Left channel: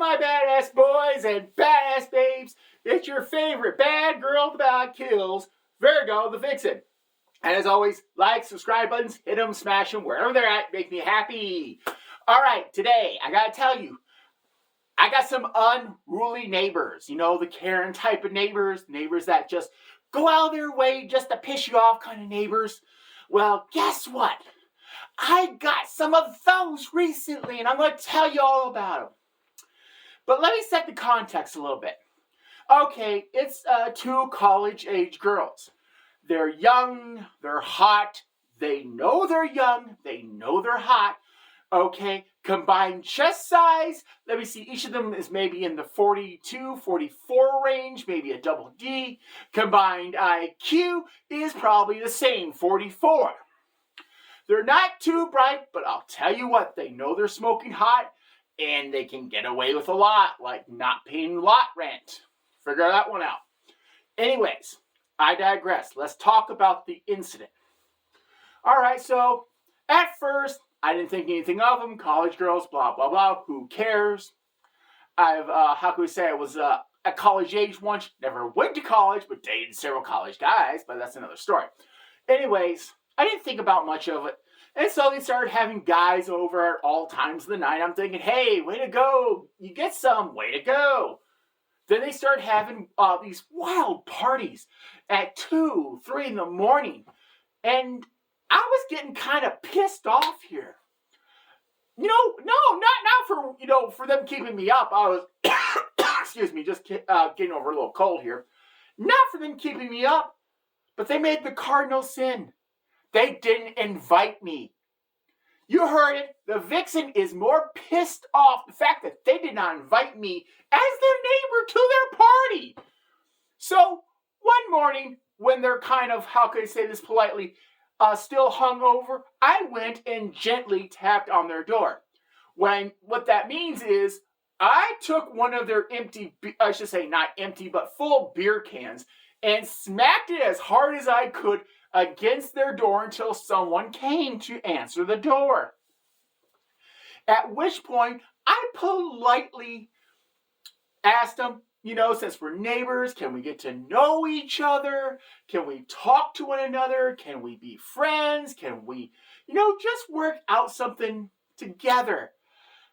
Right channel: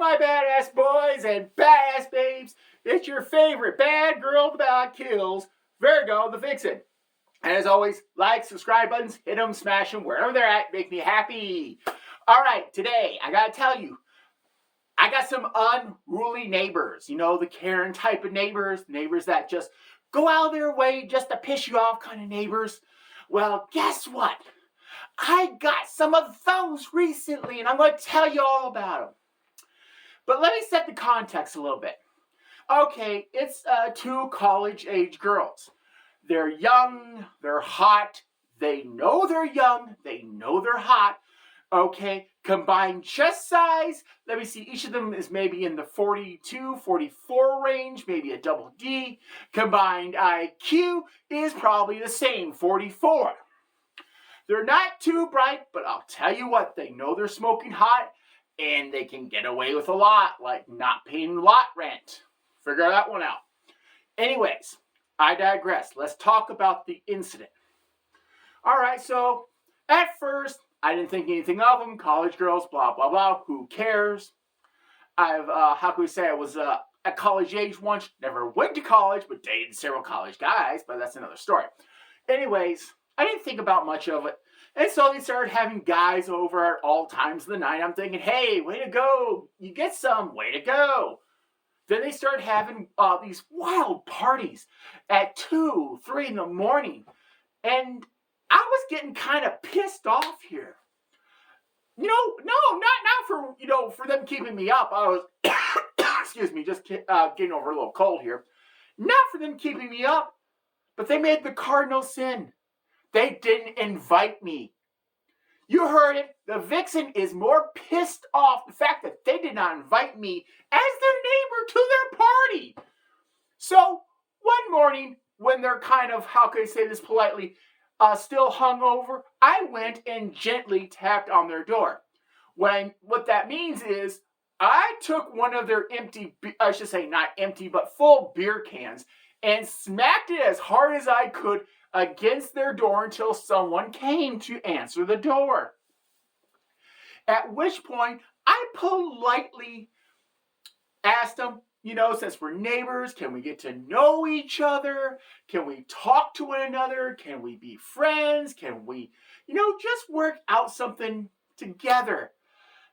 my badass boys and badass babes. It's your favorite bad girl about kills, Virgo the Vixen. And as always, like, subscribe buttons, hit them, smash them, wherever they're at, make me happy. All right, today, I gotta tell you, I got some unruly neighbors. You know, the Karen type of neighbors that just go out of their way just to piss you off kind of neighbors. Well, guess what? I got some of those recently, and I'm going to tell you all about them. But let me set the context a little bit. Okay, it's two college-age girls. They're young, they're hot, they know they're young, they know they're hot. Okay, combined chest size, let me see, each of them is maybe in the 42, 44 range, maybe a double D. Combined IQ is probably the same, 44. They're not too bright, but I'll tell you what, they know they're smoking hot, and they can get away with a lot, like not paying lot rent. Figure that one out. Anyways, I digress. Let's talk about the incident. All right, so at first, I didn't think anything of them. College girls, blah, blah, blah. Who cares? I was at college age once. Never went to college, but dated several college guys, but that's another story. Anyways, I didn't think about much of it. And so they started having guys over at all times of the night. I'm thinking, hey, way to go. You get some, way to go. Then they started having these wild parties at 2, 3 in the morning. And I was getting kind of pissed off here. You know, no, not for them keeping me up. I was, excuse me, just getting over a little cold here. Not for them keeping me up, but they made the cardinal sin. They didn't invite me. You heard it. The Vixen is more pissed off the fact that they did not invite me as their neighbor to their party. So one morning, when they're kind of, how can I say this politely, still hungover, I went and gently tapped on their door. What that means is I took one of their empty, I should say not empty, but full beer cans and smacked it as hard as I could against their door until someone came to answer the door. At which point, I politely asked them, since we're neighbors, can we get to know each other? Can we talk to one another? Can we be friends? Can we, just work out something together?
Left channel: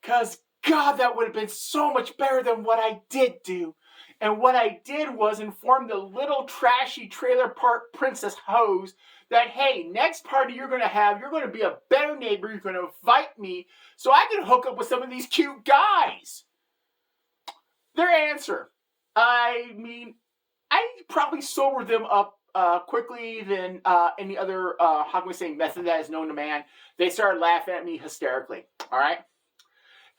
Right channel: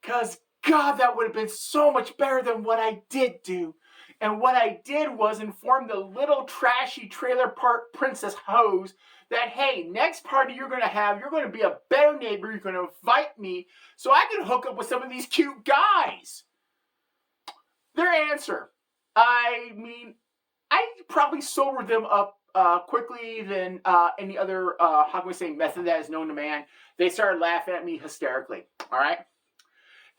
Because, God, that would have been so much better than what I did do. And what I did was inform the little trashy trailer park princess hoes that, hey, next party you're going to have, you're going to be a better neighbor. You're going to invite me so I can hook up with some of these cute guys. Their answer, I probably sobered them up quickly than any other, method that is known to man. They started laughing at me hysterically, all right?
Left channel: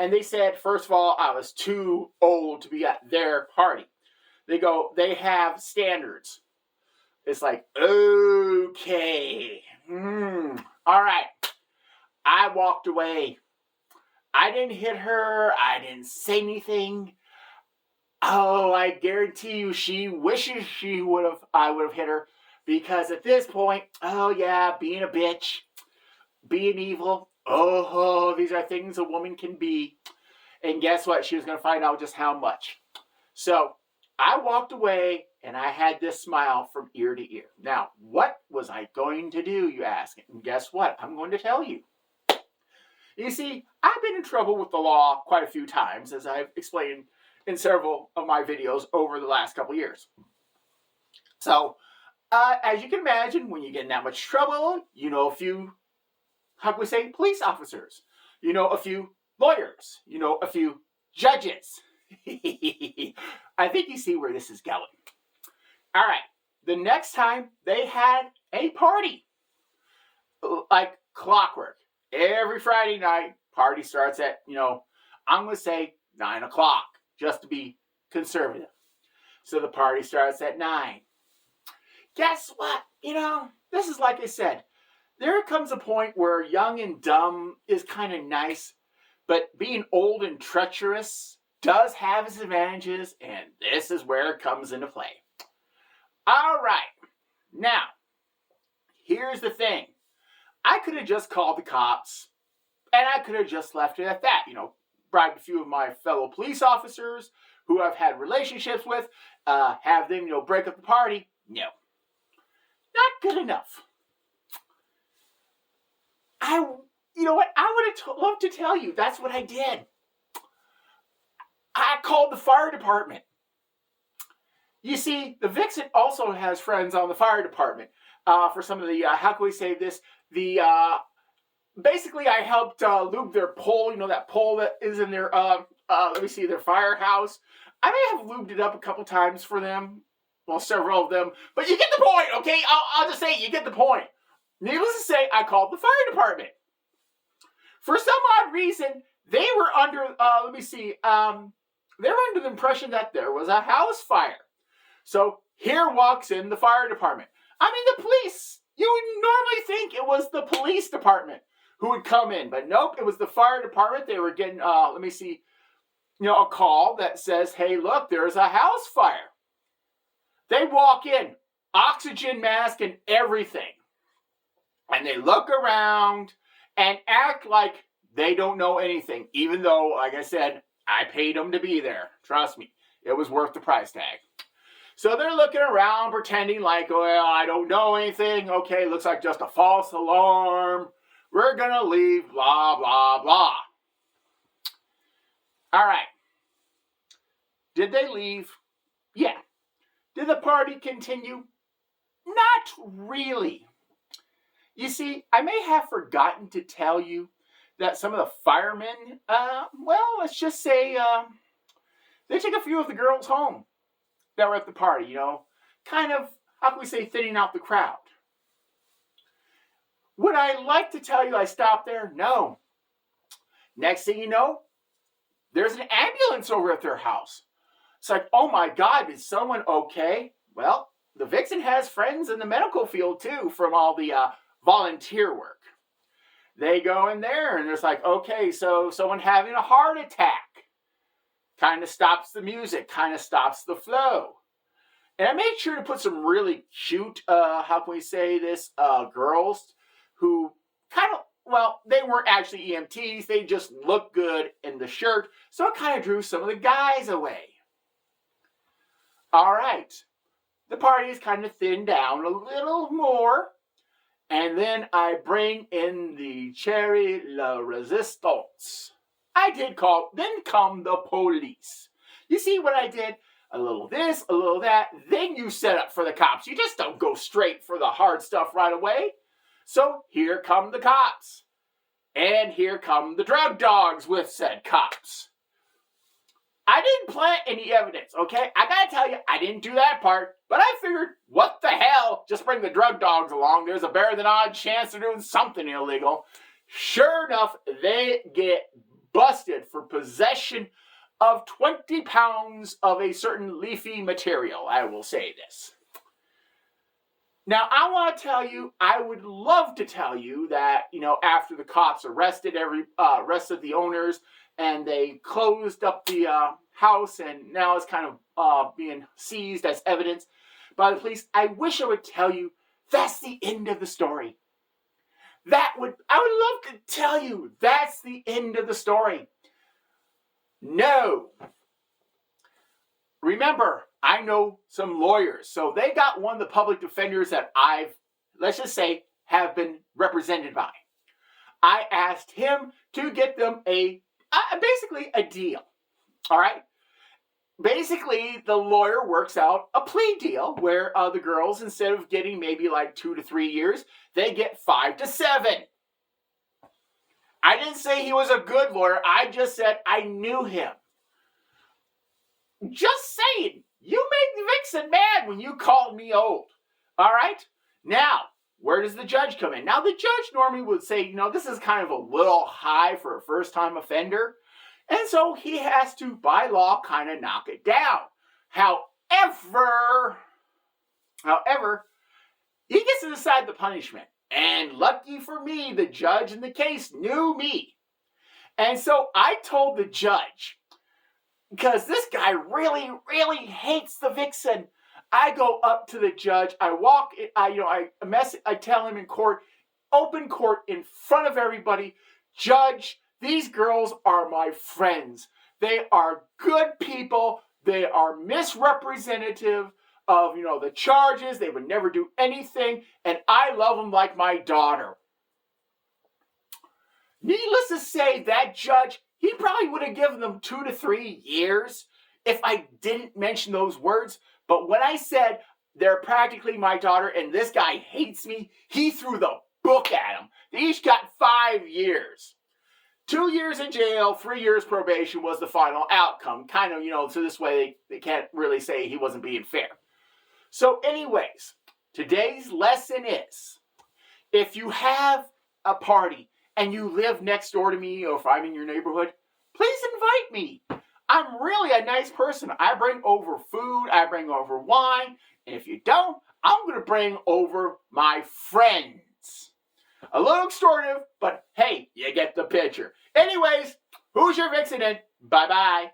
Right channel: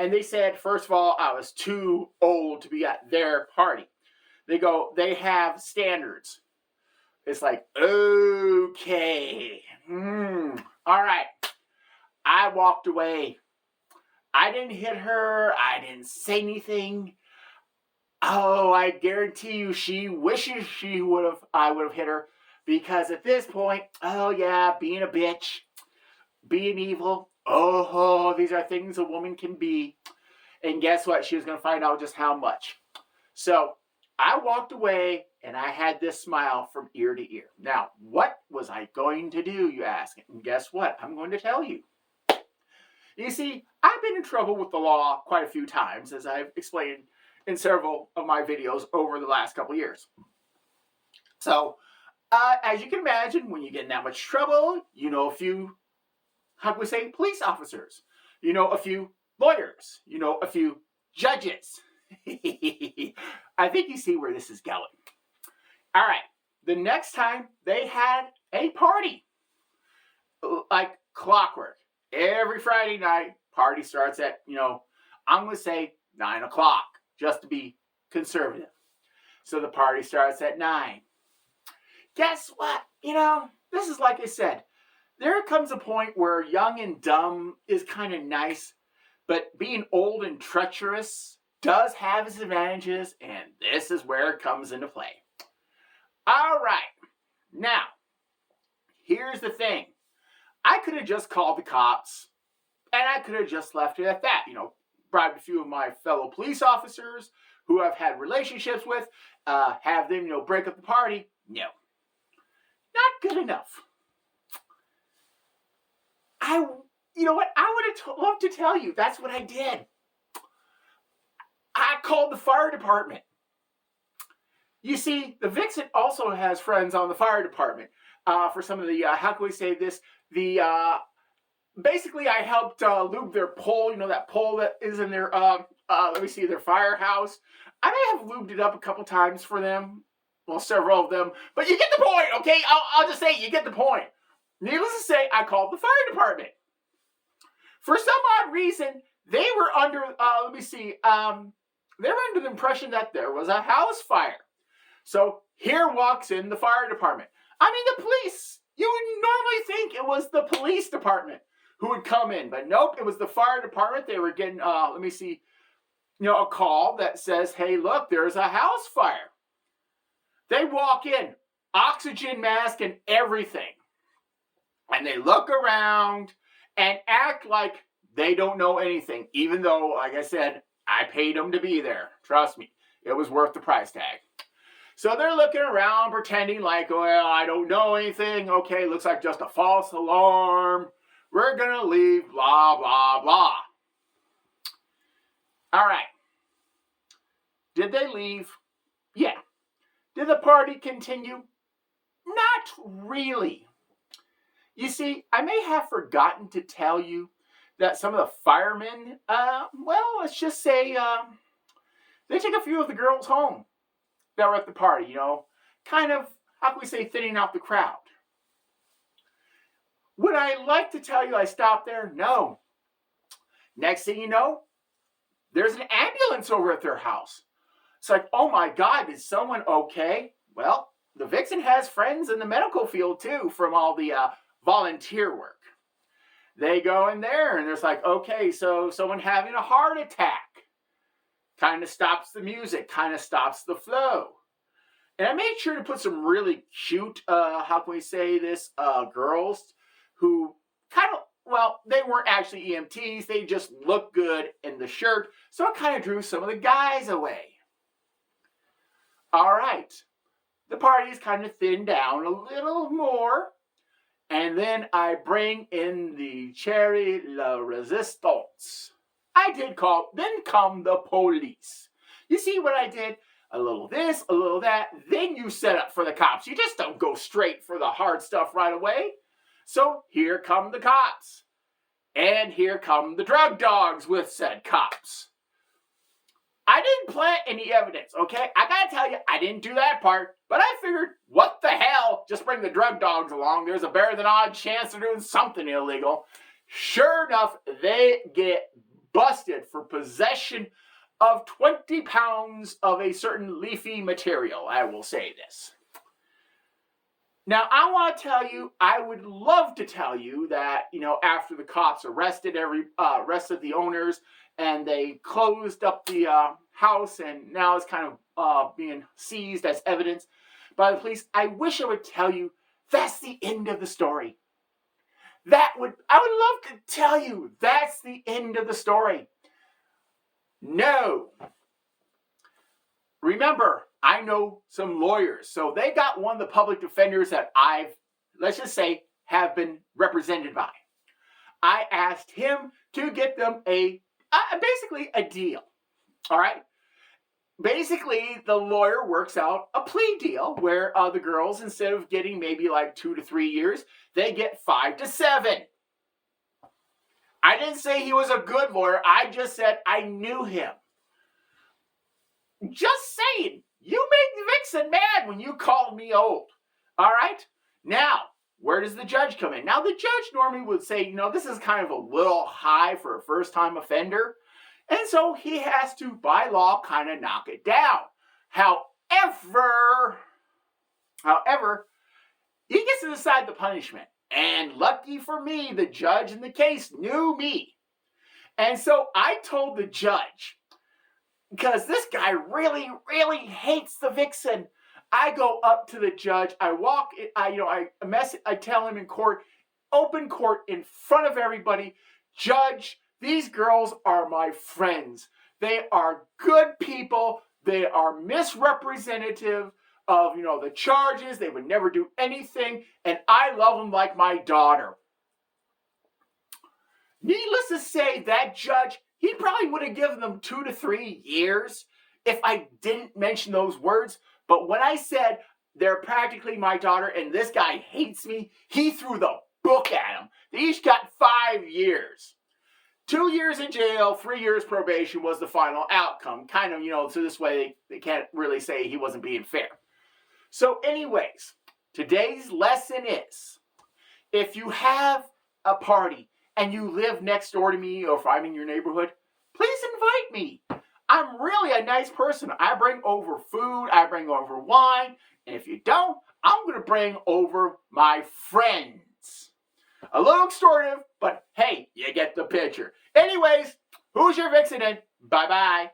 And they said, first of all, I was too old to be at their party. They have standards. It's like, okay, all right. I walked away. I didn't hit her. I didn't say anything. Oh, I guarantee you she wishes I would have hit her. Because at this point, oh yeah, being a bitch, being evil, these are things a woman can be. And guess what? She was going to find out just how much. So I walked away and I had this smile from ear to ear. Now, what was I going to do, you ask? And guess what? I'm going to tell you. You see, I've been in trouble with the law quite a few times, as I've explained in several of my videos over the last couple years. So, as you can imagine, when you get in that much trouble, you know a few, police officers. You know a few lawyers. You know a few judges. I think you see where this is going. All right. The next time they had a party, like clockwork. Every Friday night, party starts at, I'm going to say 9 o'clock, just to be conservative. So the party starts at 9. Guess what? This is like I said. There comes a point where young and dumb is kind of nice, but being old and treacherous does have its advantages, and this is where it comes into play. All right. Now, here's the thing. I could have just called the cops, and I could have just left it at that. bribed a few of my fellow police officers who I've had relationships with, have them, break up the party. No, not good enough. You know what? I would have loved to tell you that's what I did. I called the fire department. You see, the Vixen also has friends on the fire department. For some of the, how can we say this? Basically, I helped lube their pole. That pole that is in their, their firehouse. I may have lubed it up a couple times for them. Well, several of them. But you get the point, okay? I'll just say you get the point. Needless to say, I called the fire department. For some odd reason, they were under, they were under the impression that there was a house fire. So here walks in the fire department. I mean, the police. You would normally think it was the police department who would come in. But nope, it was the fire department. They were getting, a call that says, hey, look, there's a house fire. They walk in, oxygen mask and everything. And they look around and act like they don't know anything. Even though, like I said, I paid them to be there. Trust me, it was worth the price tag. So they're looking around, pretending like, well, I don't know anything. Okay, looks like just a false alarm. We're going to leave, blah, blah, blah. All right. Did they leave? Yeah. Did the party continue? Not really. You see, I may have forgotten to tell you that some of the firemen, let's just say, they took a few of the girls home that were at the party, kind of, how can we say, thinning out the crowd. Would I like to tell you I stopped there? No. Next thing you know, there's an ambulance over at their house. It's like, oh my God, is someone okay? Well, the Vixen has friends in the medical field too from all the volunteer work. They go in there and there's like, okay, so someone having a heart attack. Kind of stops the music, kind of stops the flow. And I made sure to put some really cute, how can we say this, girls who kind of, they weren't actually EMTs. They just looked good in the shirt. So it kind of drew some of the guys away. All right. The party is kind of thinned down a little more. And then I bring in the Cherry La Resistance. I did call, then come the police. You see what I did? A little this, a little that. Then you set up for the cops. You just don't go straight for the hard stuff right away. So here come the cops. And here come the drug dogs with said cops. I didn't plant any evidence, okay? I gotta tell you, I didn't do that part. But I figured, what the hell? Just bring the drug dogs along. There's a better than odd chance they're doing something illegal. Sure enough, they get busted for possession of 20 pounds of a certain leafy material. I will say this. Now, I want to tell you, I would love to tell you that, after the cops arrested the owners and they closed up the house and now it's kind of being seized as evidence by the police, I wish I would tell you that's the end of the story. I would love to tell you that's the end of the story. No. Remember, I know some lawyers, so they got one of the public defenders that let's just say, have been represented by. I asked him to get them basically a deal. All right? Basically, the lawyer works out a plea deal where the girls, instead of getting maybe like 2 to 3 years, they get 5 to 7. I didn't say he was a good lawyer. I just said I knew him. Just saying, you made Vixen mad when you called me old. All right? Now, where does the judge come in? Now, the judge normally would say, this is kind of a little high for a first-time offender. And so he has to, by law, kind of knock it down. However, he gets to decide the punishment. And lucky for me, the judge in the case knew me. And so I told the judge, because this guy really, really hates the Vixen. I go up to the judge. I walk. I tell him in court, open court in front of everybody. Judge, These girls are my friends. They are good people. They are misrepresentative of, the charges. They would never do anything. And I love them like my daughter. Needless to say, that judge, he probably would have given them 2 to 3 years if I didn't mention those words. But when I said they're practically my daughter and this guy hates me, he threw the book at them. They each got 5 years. 2 years in jail, 3 years probation was the final outcome. Kind of, so this way they can't really say he wasn't being fair. So anyways, today's lesson is, if you have a party and you live next door to me, or if I'm in your neighborhood, please invite me. I'm really a nice person. I bring over food, I bring over wine, and if you don't, I'm going to bring over my friends. A little extortive, but hey, you get the picture. Anyways, who's your vixen? Bye-bye.